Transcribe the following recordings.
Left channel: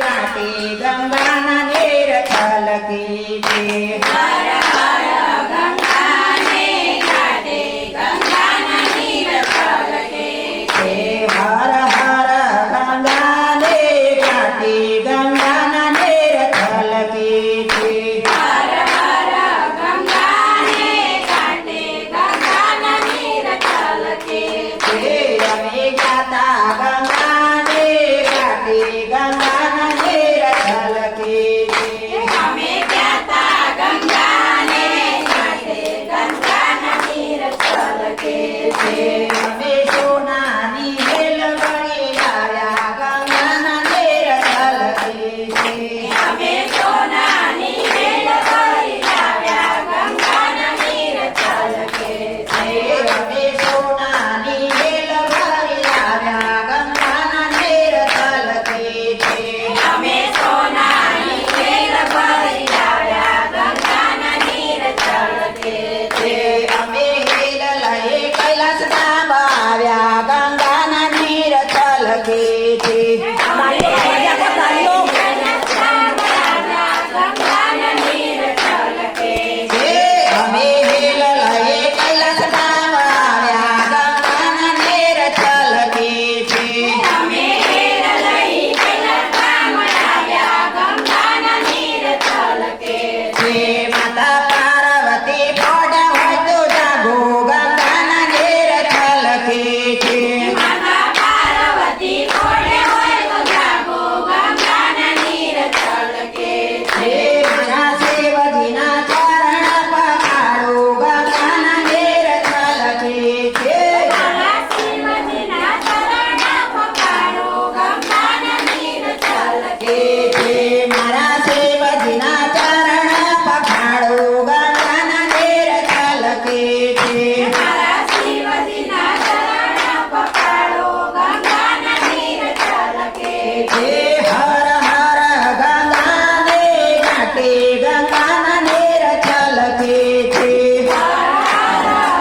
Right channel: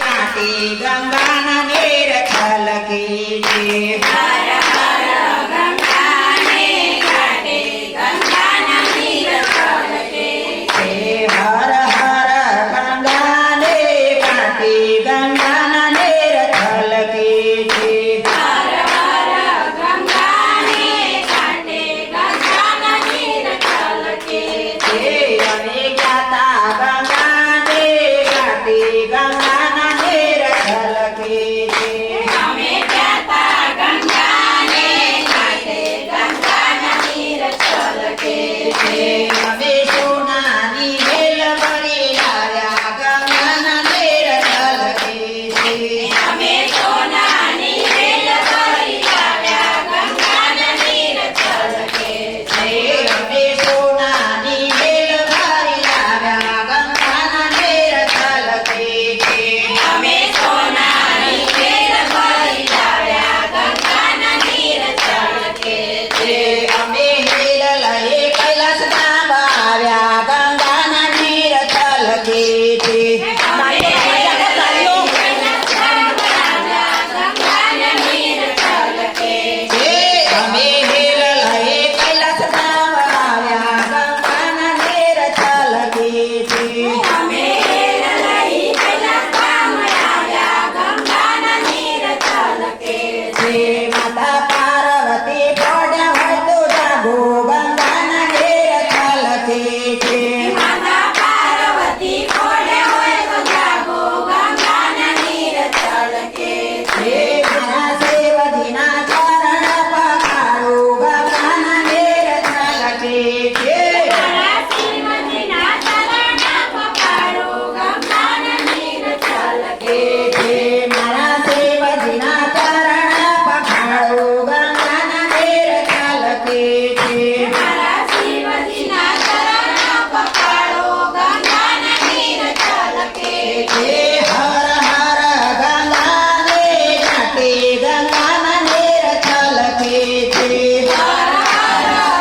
ઘાટે ગંગાના નીર છલકે છે. હર હર ગંગાને ઘાટે ગંગાના નીર છલકે હે હર હર ગંગાને ઘાટે ગંગાના નીર છલકે છે. હર હર ગંગાને ઘાટે ગંગાના નીર છલકે હે અમે ગાતા ગંગાને ઘાટે ગંગાના નીર છલકે છે. અમે ગાતા ગંગાને ઘાટે ગંગાના નીર છલકે હે અમે સોનાની વેલ ભરી લાવ્યા ગંગાના નીર છલકે છે. અમે સોનાની વેલ ભરી લાવ્યા ગંગાના નીર છલકે હે અમે સોનાની વેલ ભરી લાવ્યા ગંગાના નીર છલકે છે. અમે સોનાની વેલ ભરી લાવ્યા ગંગાના નીર છલકે હે અમે હેલ લઈ કૈલાસમાં આવ્યા ગંગાના નીર છલકે છે. અમે ગંગાના નીર છલકે હે અમે હેલ લઈ કૈલાસમાં આવ્યા ગંગાના નીર છલકે છે. અમે લઈ કૈલાસમાં આવ્યા ગંગાના નીર છલકે હે માતા પાર્વતી પડ્યા હોય તો જાગો ગંગાના નીર છલકે છે. માતા પાર્વતી પડે હોય તો જાગો ગંગાના નીર છલકે હે મારા શિવજીના ચરણ પખાડો ગંગાના નીર છલકે છે. મારા શિવજીના ચરણ પખાડો ગંગાના નીર છલકે હે મારા શિવજીના ચરણ પખાડો ગંગાના નીર છલકે છે. મારા શિવજીના ચરણ પખાડો ગંગાના નીર છલકે હે હર હર ગંગાને ઘાટે ગંગાના નીર છલકે છે.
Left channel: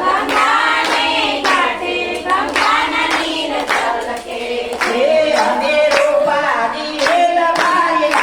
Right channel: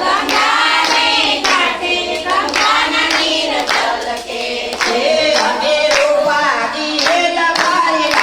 ગંગાને ઘાટે ગંગાના નીર છલકે હે અમે રૂપાજી વેલ ભરી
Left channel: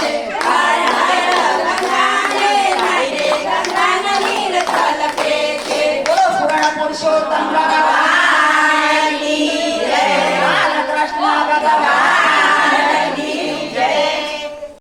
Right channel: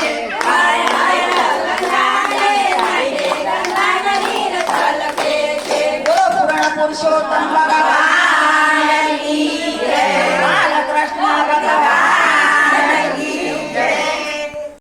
છે હાય હાય ગંગાને ગાઈને ગંગાના નીર છલકે છે બોલો પુરાણ પુરુષોત્તમ ભગવાન